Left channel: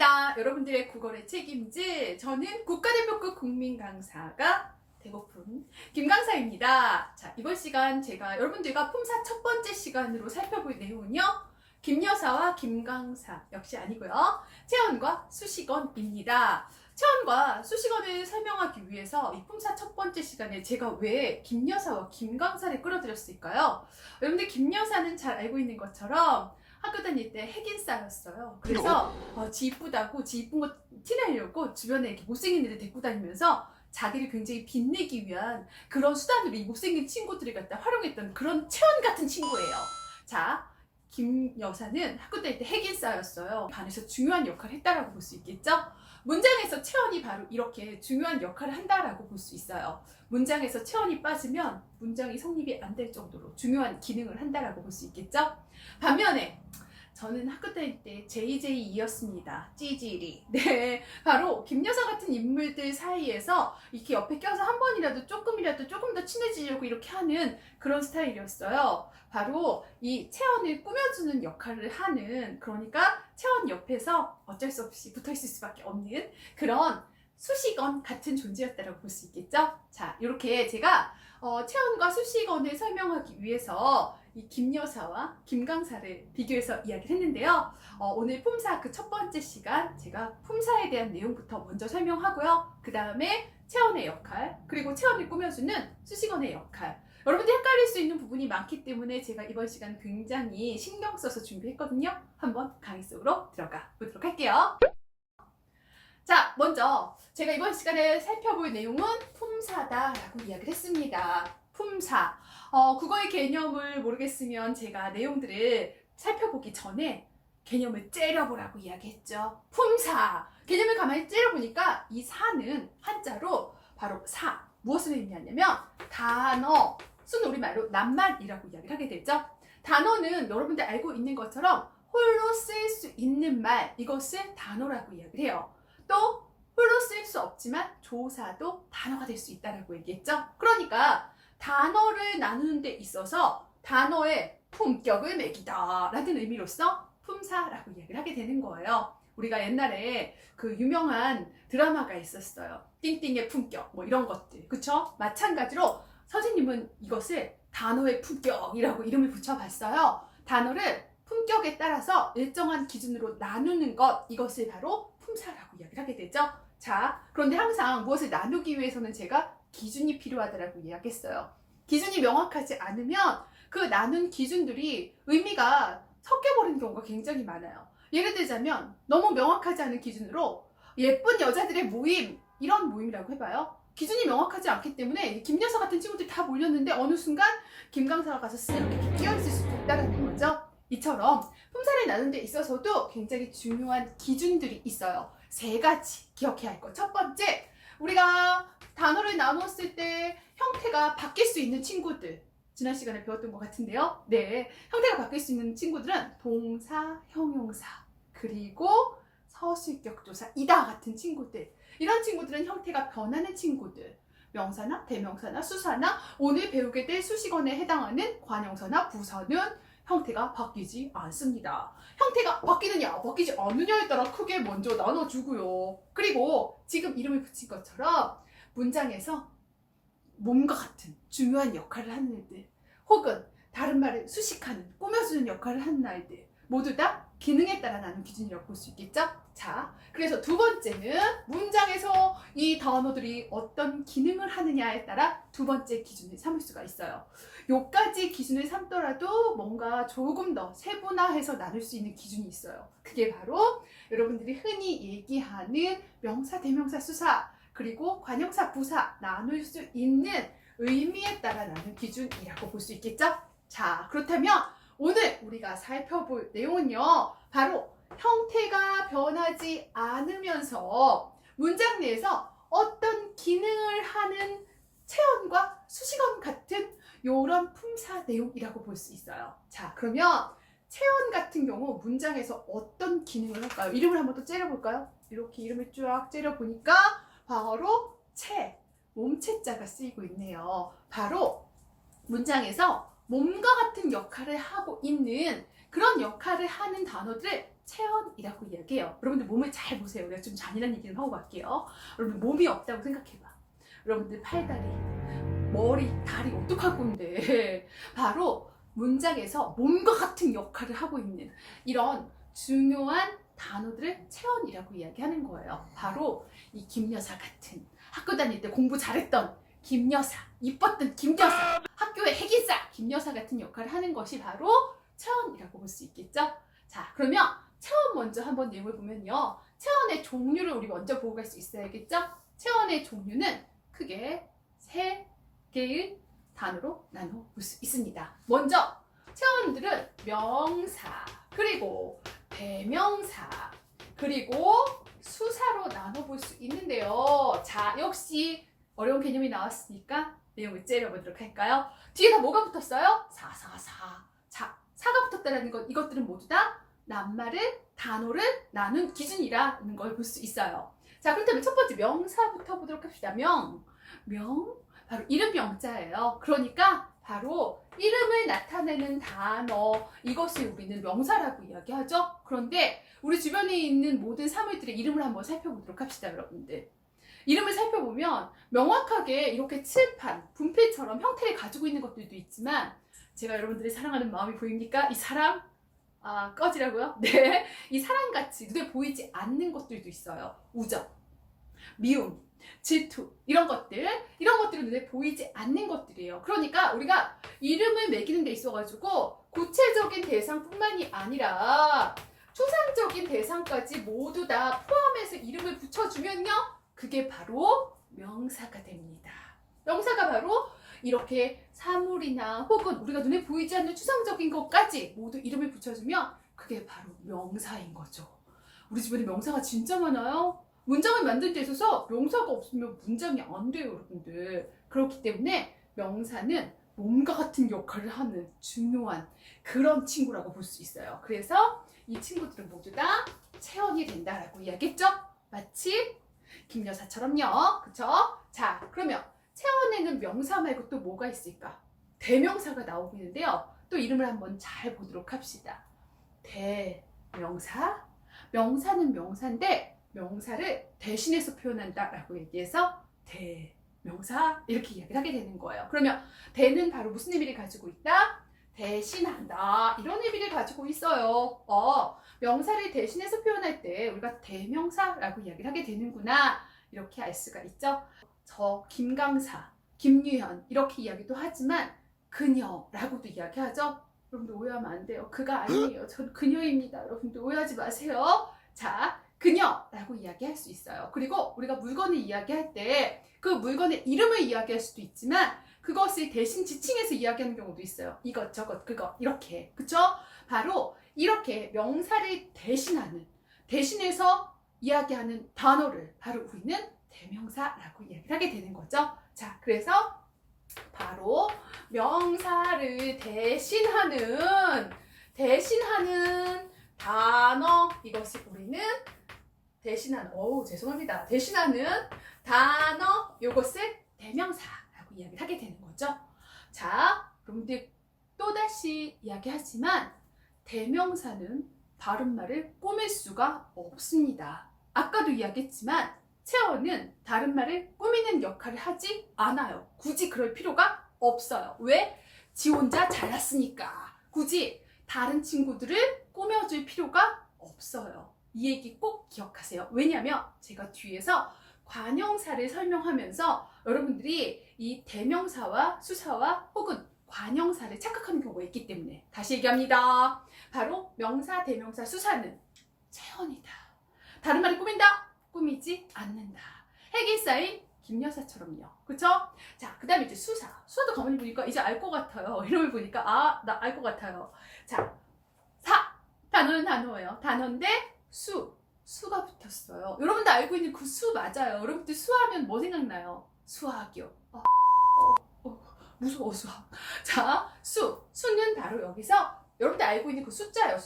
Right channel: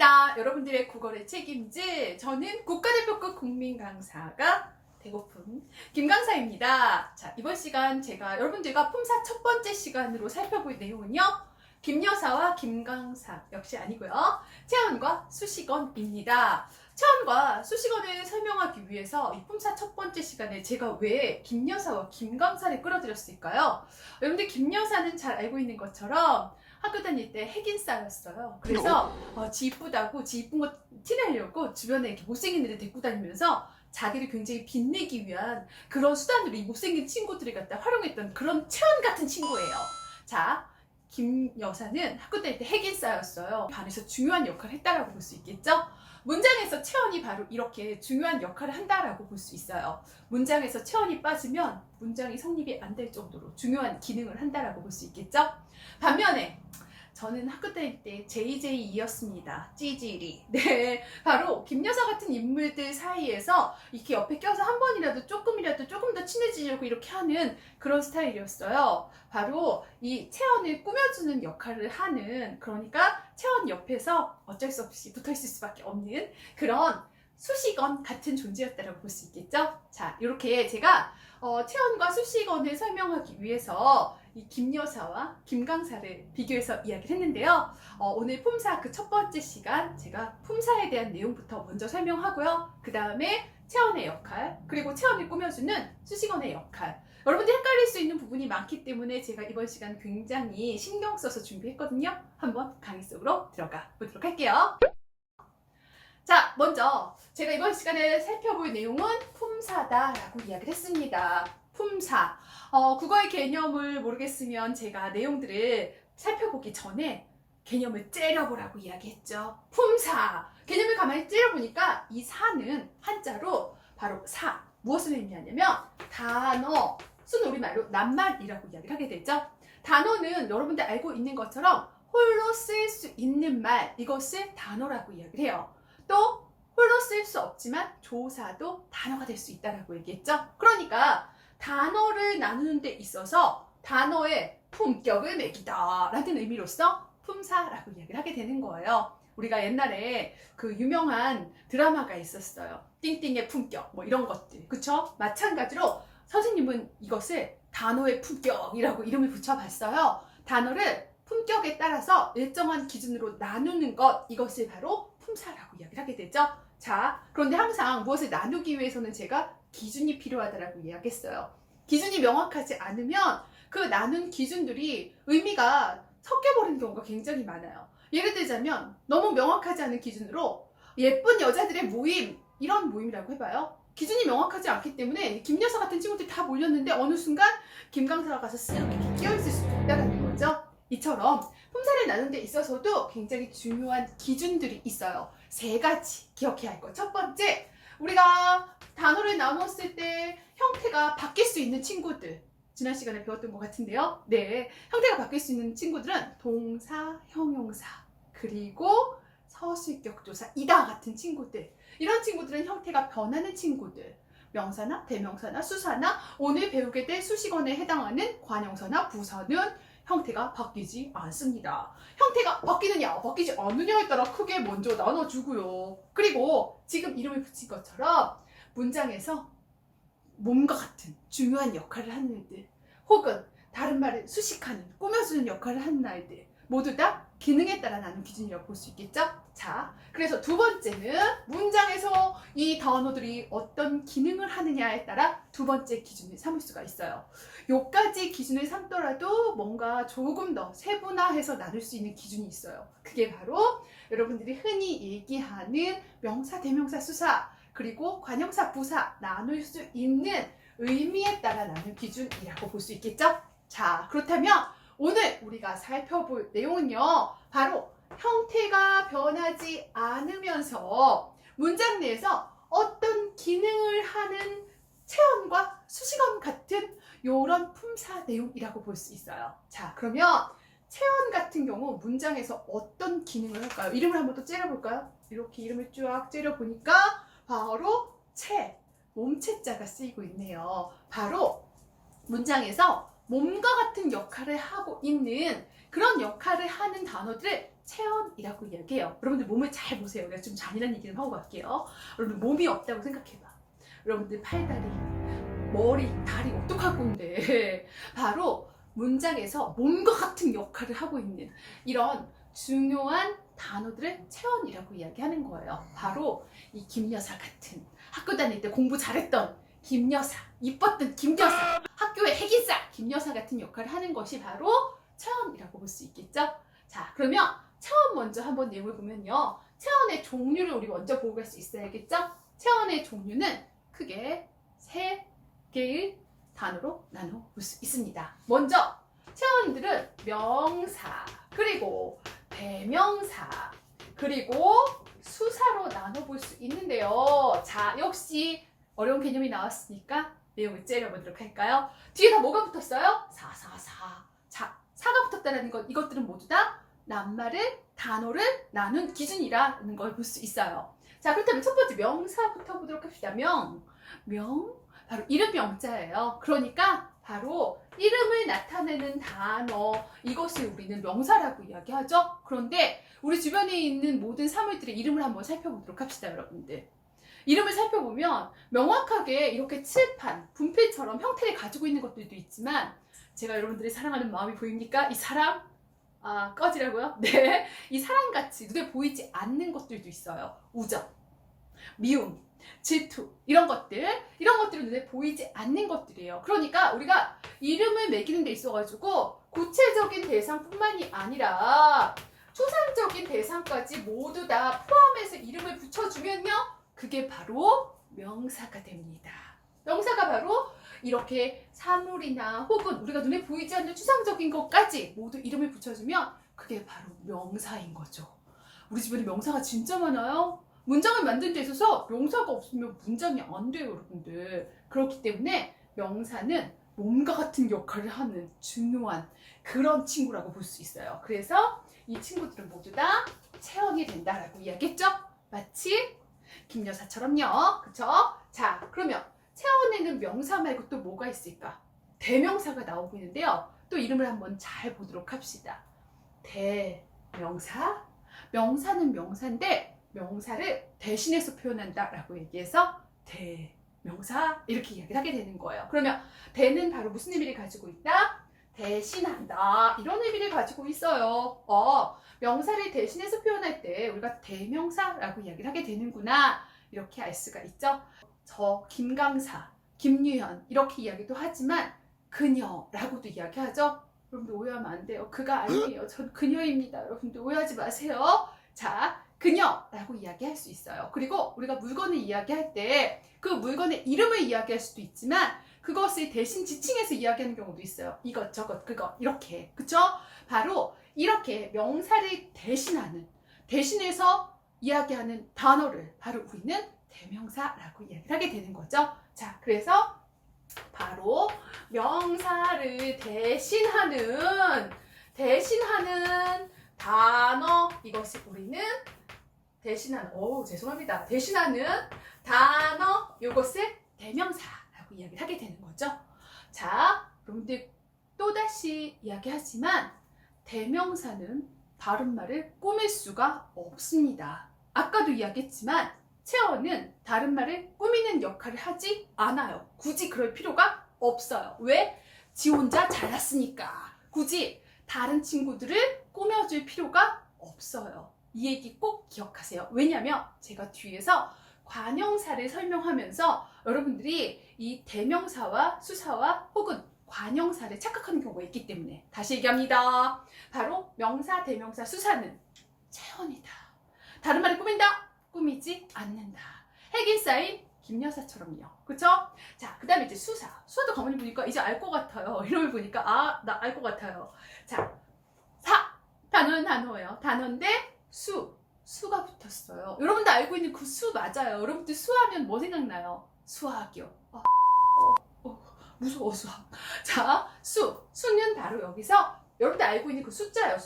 반갑습니다. 여러분들의 국어를 책임질 저는 국가대표급 국민강사가 되고픈 김강사입니다. 자, 이번 시간 제가 여러분들과 품사 첫 번째 시간으로 살펴볼 내용은요. 김여사와 김강사 역시 아니고요. 체언과 수식어입니다. 체언과 수식어를 설명하기 위해서 이 품사 첫 번째 시간에 제가 왜 김여사와 김강사를 끌어들였을까요? 여러분들 김여사는 잘 알고 있는 것처럼 학교 다닐 때 핵인싸였어요. 그래서 지 이쁘다고 지 이쁜 거 티내려고 주변에 이렇게 못생긴 애들 데리고 다니면서 자기를 굉장히 빛내기 위한 그런 수단으로 이 못생긴 친구들을 갖다 활용했던 그런 체언 같은 친구예요. 자, 김 여사는 학교 다닐 때 핵인싸였어요. 반에서 중요한 역할을 했다라고 볼 수 있겠죠? 문장에서 체언이 바로 이렇게 중요한 역할을 한다라고 볼 수 있어요. 문장에서 체언이 빠지면 문장이 성립이 안 될 정도로 중요한 기능을 한다라고 볼 수 있겠죠? 반면에 저는 학교 다닐 때 JJE였습니다. 찌질이. 네, 바로 김여사 같은 인물들 사이에서 이렇게 옆에 껴서 한 번이라도 조금이라도 조금 더 친해지려고 이렇게 하는 그런 스타일이었어요. 바로 이 체언을 꾸며주는 역할을 하는, 그러니까 체언 옆에서 어쩔 수 없이 붙어있을 수밖에 없는 그런 수식어 같은 존재였다고 볼 수 있겠죠? 자, 이렇게 제가 체언과 수식어를 설명하기 위해서 이 김여사와 김강사를 비교해서 이야기를 했는데요. 오늘 품사 그 첫 번째 시간 제가 품사에 대한 내용부터 먼저 설명하고요. 그 다음에 체언의 역할, 그리고 체언을 꾸며주는 수식어의 역할. 여러분들 헷갈릴 수 있는 부분이 많기 때문에 제가 이번 시간 굉장히 신경 써서 준비했거든요. 한번 강의 속으로 들어가 보도록 할게요. 자, 먼저 제가 이번 시간에 살펴볼 내용은 품사다라고 이야기를 했습니다. 품사. 국어의 개념을 모르겠으면 제가 내용들을 살펴보기 전에 개념을 째려보라고 이야기했죠. 품사. 개념을 가만히 째려보니까 이 사는 한자로 바로 사. 무엇을 의미하냐면 단어, 순우리말로 낱말이라고 이야기를 하게 되죠. 단어는 여러분들 알고 있는 것처럼 홀로 쓸 수 있는 말, 이것을 단어라고 이야기를 해요. 또 홀로 쓸 수 없지만 조사도 단어가 될 수 있다라고 얘기했죠. 그러니까 단어를 나누는 데 있어서 단어의 품격을 매기다 라는 의미로서 품사라고 이야기를 하게 되는 거예요. 우리가 옛날에 그 유명한 드라마가 있었어요. 띵띵의 품격, 뭐 이런 것들, 그쵸? 마찬가지로 선생님은 이것을 단어의 품격이라고 이름을 붙여봤어요. 단어를 품격에 따라서 일정한 기준으로 나누는 것, 이것을 바로 품사라고 이야기를 하게 되죠. 자, 그런데 항상 무엇을 나누기 위해서는 제가 기준이 필요하다라고 이야기했어요. 기준이 명확하지 않으면 그 나눈 기준들이 의미가 섞여버리는 경우가 굉장히 많아요. 예를 들자면 너무 명확하지 않은 기준으로 예쁜 여자들의 모임, 이런 모임이라고 해봐요. 기준이 명확하지 않기 때문에 김여사 같은 친구들이 다 몰렸는데 어느 순간 김강사가 가서 쓱 이렇게 끼어있을 수도 있다는 거죠. 이처럼 품사를 나누는 데 있어서도 굉장히 중요한 기준들이 있어요. 세 가지 기억해야 할 것. 첫 번째, 우리가 단어를 나눴을 때 형태가 바뀔 수 있는 친구들, 지난 시간에 배웠던 것 같은데요. 네, 형태가 바뀔 수 있는 친구들은 동사, 형용사, 그리고 서술격조사, 이다 같은 친구들. 이런 친구들은 형태가 변하는 친구들. 명사나 대명사나 수사나 오늘 배우게 될 수식어에 해당하는 관형사나 부사는 형태가 바뀌지 않습니다. 형태가 바뀌느냐 바뀌지 않느냐에 따라 크게 먼저 나눠주고요. 그리고 지금 이름을 붙인 것처럼 문장에서 몸과 같은 중요한 역할을 하는 애들, 혹은 다른 말을 수식하는, 꾸며주는 역할을 하는 아이들, 모두 다 기능에 따라 나눈 기준이라고 볼 수 있겠죠? 자, 그래서 두 번째는 문장에서 이 단어들이 어떤 기능을 하느냐에 따라 두 번째 기준을 삼을 수가 있어요. 요까지 기준을 삼더라도 뭔가 조금 더 세분화해서 나눌 수 있는 기준이 있어요. 그게 바로 여러분들이 흔히 얘기하는 명사, 대명사, 수사, 그리고 관형사, 부사 나눌 수 있는 의미에 따라 나눈 기준이라고 볼 수 있겠죠? 자, 그렇다면 오늘 우리가 살펴볼 내용은요, 바로 형태가 변하지 않으면서 문장 내에서 어떤 기능을 하는 체언과 수식어 같은 이런 품사 내용이라고 볼 수 있어요. 자, 그러면 체언 같은 경우 문장에서 어떤 기능을 할까요? 이름을 한번 또 째려볼까요? 이렇게 이름을 쫙 째려보니까 바로 체, 몸체자가 쓰이고 있네요. 바로 문장에서 몸과 같은 역할을 하고 있는 그런 역할을 하는 단어들을 체언이라고 이야기해요. 여러분들 몸을 잘 보세요. 내가 좀 잔인한 얘기를 하고 갈게요. 여러분들 몸이 없다고 생각해봐. 여러분들 팔다리, 머리, 다리 어떡할 건데. 바로 문장에서 몸과 같은 역할을 하고 있는 이런 중요한 단어들을 체언이라고 이야기하는 거예요. 바로 이 김여사 같은, 학교 다닐 때 공부 잘했던 김여사, 이뻤던 김여사, 학교의 핵인싸 김여사 같은 역할을 하는 것이 바로 체언이라고 볼 수 있겠죠? 자, 그러면 체언 먼저 한번 내용을 보면요. 체언의 종류를 우리 먼저 보고 갈 수 있어야겠죠? 체언의 종류는 크게 세 개의 단어로 나눠 볼 수 있습니다. 먼저 체언들은 명사, 그리고 대명사, 그리고 수사로 나눠볼 수 있는데요. 자, 역시 어려운 개념이 나왔으니까 내용을 째려보도록 할까요? 뒤에 다 뭐가 붙었어요? 사. 자, 사가 붙었다는 것, 이것들은 모두 다 낱말을, 단어를 나눈 기준이라는 걸 볼 수 있어요. 자, 그렇다면 첫 번째 명사부터 보도록 합시다. 명, 바로 이름 명자예요. 그러니까 바로 이름을 나타내는 단어, 이것을 우리는 명사라고 이야기하죠. 그런데 우리 주변에 있는 모든 사물들의 이름을 한번 살펴보도록 합시다, 여러분들. 이름을 살펴보면 명확하게 이렇게 칠판, 분필처럼 형태를 가지고 있는 것들도 있지만, 제가 여러분들의 사랑하는 마음이 보입니까? 이 사랑? 꺼지라고요? 네. 이 사랑같이 눈에 보이지 않는 것들도 있어요. 우정, 미움, 질투, 이런 것들은 눈에 보이지 않는 것들이에요. 그러니까 우리가 이름을 매기는 데 있어가지고 구체적인 대상뿐만이 아니라 추상적인 대상까지 모두 다 포함해서 이름을 붙여주면요, 그게 바로 명사가 됩니다. 명사가 바로 이렇게 사물이나 혹은 우리가 눈에 보이지 않는 추상적인 것까지 모두 이름을 붙여주면 그게 바로 명사인 거죠. 우리 주변에 명사가 진짜 많아요. 문장을 만드는 데 있어서 명사가 없으면 문장이 안 돼요, 여러분들. 그렇기 때문에 명사는 몸과 같은 역할을 하는 중요한 그런 친구라고 볼 수 있어요. 그래서 이 친구들은 모두 다 체언이 된다라고 이야기했죠? 마치 김여사처럼요. 그쵸? 자, 그러면 체언에는 명사 말고 또 뭐가 있을까? 대명사가 나오고 있는데요. 또 이름을 한번 잘 보도록 합시다. 대명사. 명사는 명사인데 명사를 대신해서 표현한다라고 얘기해서 대명사 이렇게 이야기를 하게 되는 거예요. 그러면 대는 바로 무슨 의미를 가지고 있다? 대신한다. 이런 의미를 가지고 있어요. 명사를 대신해서 표현할 때 우리가 대명사라고 이야기를 하게 되는구나. 이렇게 알 수가 있죠. 저 김강사, 김유현 이렇게 이야기도 하지만 그녀라고도 이야기하죠. 여러분들 오해하면 안 돼요. 그가 아니에요. 전 그녀입니다. 여러분들 오해하지 마세요. 자, 그녀라고 이야기할 수 있어요. 그리고 우리가 물건을 이야기할 때 그 물건의 이름을 이야기할 수도 있지만 그것을 대신 지칭해서 이야기하는 경우도 있어요. 이것, 저것, 그거 이렇게. 그쵸? 바로 이렇게 명사를 대신해서 이야기하는 단어를 바로 우리는 대명사라고 이야기를 하게 되는 거죠. 자, 그래서 바로 명사를 대신하는 단어, 이것이 우리는 대신하는 단어, 이것을 대명사라고 이야기를 하게 되는 거죠. 자, 여러분들 또다시 이야기하지만 대명사는 바른말을 꾸밀 수가 없습니다. 아까도 이야기했지만 체언은 다른 말을 꾸미는 역할을 하지 않아요. 굳이 그럴 필요가 없어요. 왜? 지 혼자 잘났으니까. 굳이 다른 친구들을 꾸며줄 필요가 없어요. 이 얘기 꼭 기억하세요. 왜냐하면 제가 뒤에서 관형사를 설명하면서 여러분들이 이 대명사와 수사와 혹은 관형사를 착각하는 경우가 있기 때문에 다시 얘기합니다. 바로 명사, 대명사, 수사는 체언이다. 다른 말을 꾸민다? 꾸미지 않는다. 핵인싸인 김여사처럼요. 그쵸? 자, 그 다음에 이제 수사도 가만히 보니까 이제 알 것 같아요. 이름을 보니까 나 알 것 같아요. 자, 단어예요. 단어인데 수가 붙었어요. 여러분들 알고 있는 그 수 맞아요. 여러분들 수하면 뭐 생각나요? 수학이요. 무서워, 수학. 자, 수는 바로 여기서 여러분들 알고 있는 그 숫자예요.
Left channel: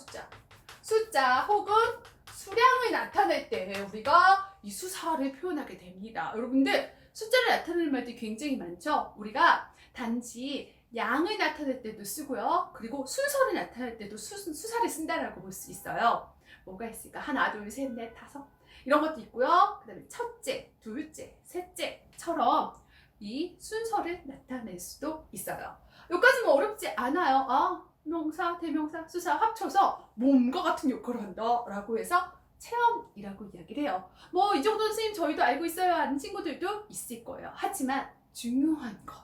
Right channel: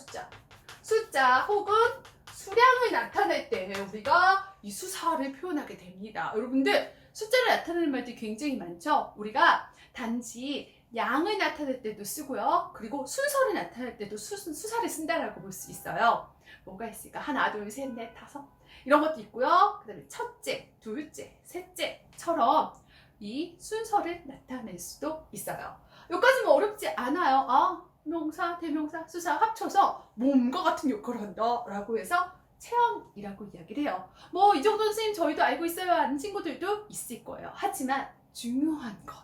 숫자 혹은 수량을 나타낼 때 우리가 이 수사를 표현하게 됩니다. 여러분들 숫자를 나타내는 말들이 굉장히 많죠. 우리가 단지 양을 나타낼 때도 쓰고요. 그리고 순서를 나타낼 때도 수사를 쓴다라고 볼 수 있어요. 뭐가 있을까? 하나, 둘, 셋, 넷, 다섯. 이런 것도 있고요. 그 다음에 첫째, 둘째, 셋째처럼 이 순서를 나타낼 수도 있어요. 여기까지 뭐 어렵지 않아요. 아, 명사, 대명사, 수사 합쳐서 몸과 같은 역할을 한다 라고 해서 체험이라고 이야기를 해요. 뭐 이 정도는 선생님 저희도 알고 있어야 하는 친구들도 있을 거예요. 하지만 중요한 것,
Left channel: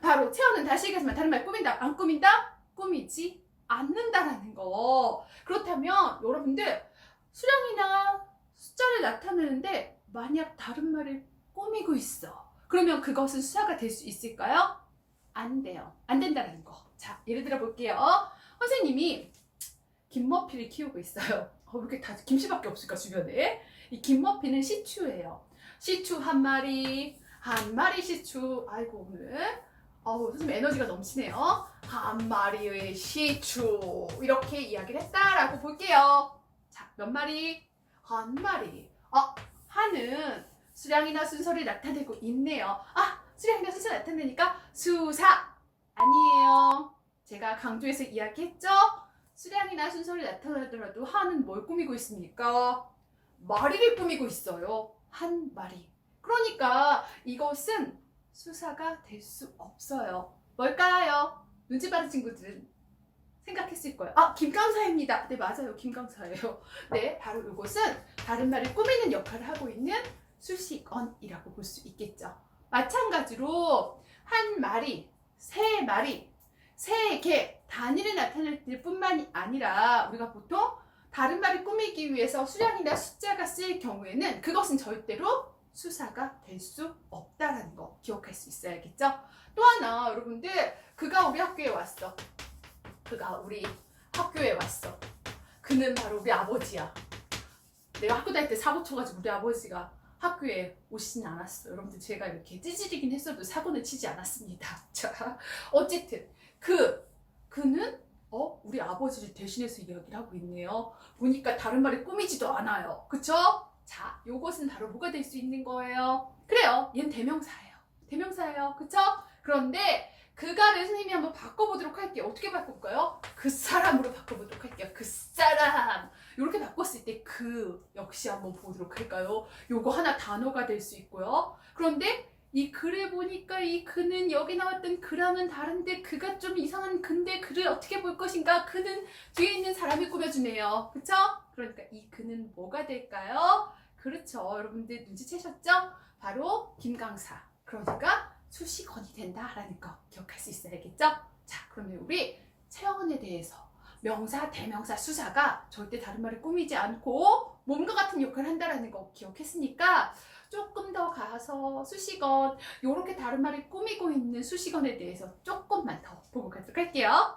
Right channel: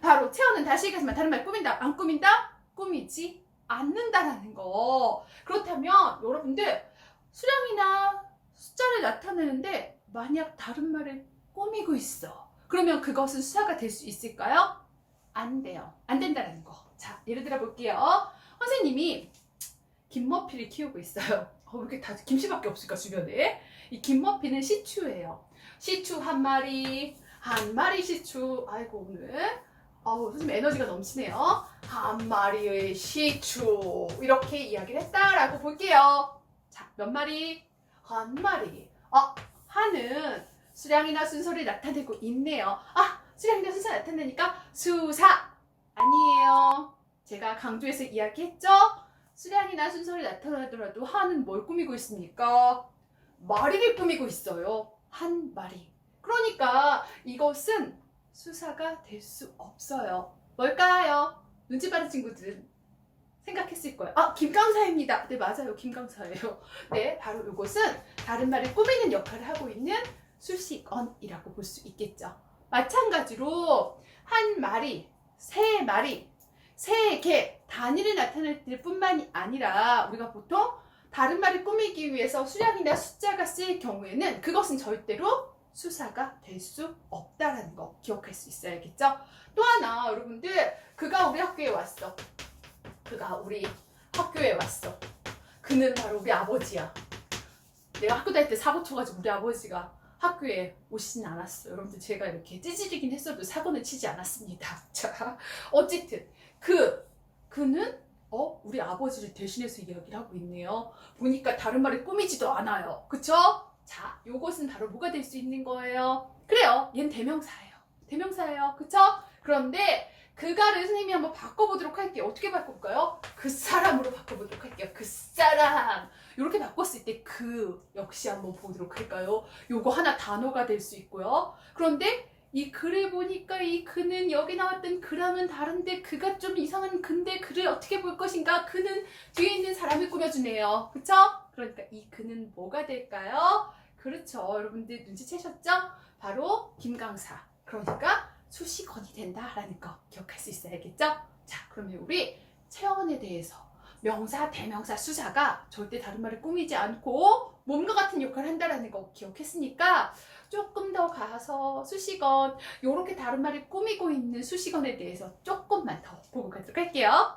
바로 체험은 다시 얘기하지만 다른 말 꾸민다, 안 꾸민다? 꾸미지 않는다라는 거. 그렇다면 여러분들 수량이나 숫자를 나타내는데 만약 다른 말을 꾸미고 있어, 그러면 그것은 수사가 될 수 있을까요? 안 돼요. 안 된다는 거. 자, 예를 들어 볼게요. 선생님이 김머피를 키우고 있어요. 왜 이렇게 다 김씨밖에 없을까 주변에? 이 김머피는 시추예요. 시추 한 마리 시추. 아이고 오늘 선생님 에너지가 넘치네요. 한 마리의 시추, 이렇게 이야기를 했다라고 볼게요. 자, 몇 마리? 한 마리. 하는 수량이나 순서를 나타내고 있네요. 수량이나 순서 나타내니까 수사 아니에요. 제가 강조해서 이야기했죠? 수량이나 순서를 나타내더라도 하는 뭘 꾸미고 있습니까? 마리를 꾸미고 있어요. 한 마리. 그러니까 이것은 수사가 될 수 없어요. 뭘까요? 눈치 빠른 친구들은 생각했을 거예요. 김강사입니다. 네, 맞아요. 김강사예요. 네, 바로 이것은 다른 말을 꾸미는 역할을 하고 있는 수식어이라고 볼 수 있겠죠. 마찬가지로 한 마리, 세 마리, 세 개, 단위를 나타낼 뿐만이 아니라 우리가 보통 다른 말을 꾸미기 위해서 수량이나 숫자가 쓰일 경우에는 그것은 절대로 수사가 될 수 없다는 거 기억할 수 있어야겠죠. 또 하나, 여러분들, 그가 우리 학교에 왔어. 그가 우리 학교에 왔어. 그는 바로 우리 아버지야. 내가 학교 다닐 때 사고 쳐가지고 우리 아버지가 학교에 오시진 않았어요. 여러분들, 제가 이렇게 찌질이긴 했어도 사고는 치지 않았습니다. 자, 어쨌든 그는 우리 아버지를 대신해서 이야기를 하고 있네요. 보니까 다른 말을 꾸미지도 않아요. 그쵸? 자, 요것은 바로 뭐가 될 수 있는 거예요? 그래요. 얘는 대명사예요. 대명사예요. 그쵸? 그런데 그가를 선생님이 한번 바꿔보도록 할게요. 어떻게 바꿀까요? 그 사람으로 바꿔보도록 할게요. 그 사람. 이렇게 바꿨을 때 그 역시 한번 보도록 할까요? 요거 하나 단어가 될 수 있고요. 그런데 이 글을 보니까 이 그는 여기 나왔던 그랑은 다른데 그가 좀 이상한 근데 그를 어떻게 볼 것인가? 그는 뒤에 있는 사람을 꾸며주네요. 그쵸? 그러니까 이 그는 뭐가 될까요? 그렇죠. 여러분들 눈치채셨죠? 바로 김강사. 그러니까 수식어이 된다라는 거 기억할 수 있어야겠죠? 자, 그러면 우리 체언에 대해서 명사, 대명사, 수사가 절대 다른 말을 꾸미지 않고 몸과 같은 역할을 한다라는 거 기억했으니까 조금 더 가서 수식어, 요렇게 다른 말을 꾸미고 있는 수식어에 대해서 조금만 더 보고 가도록 할게요.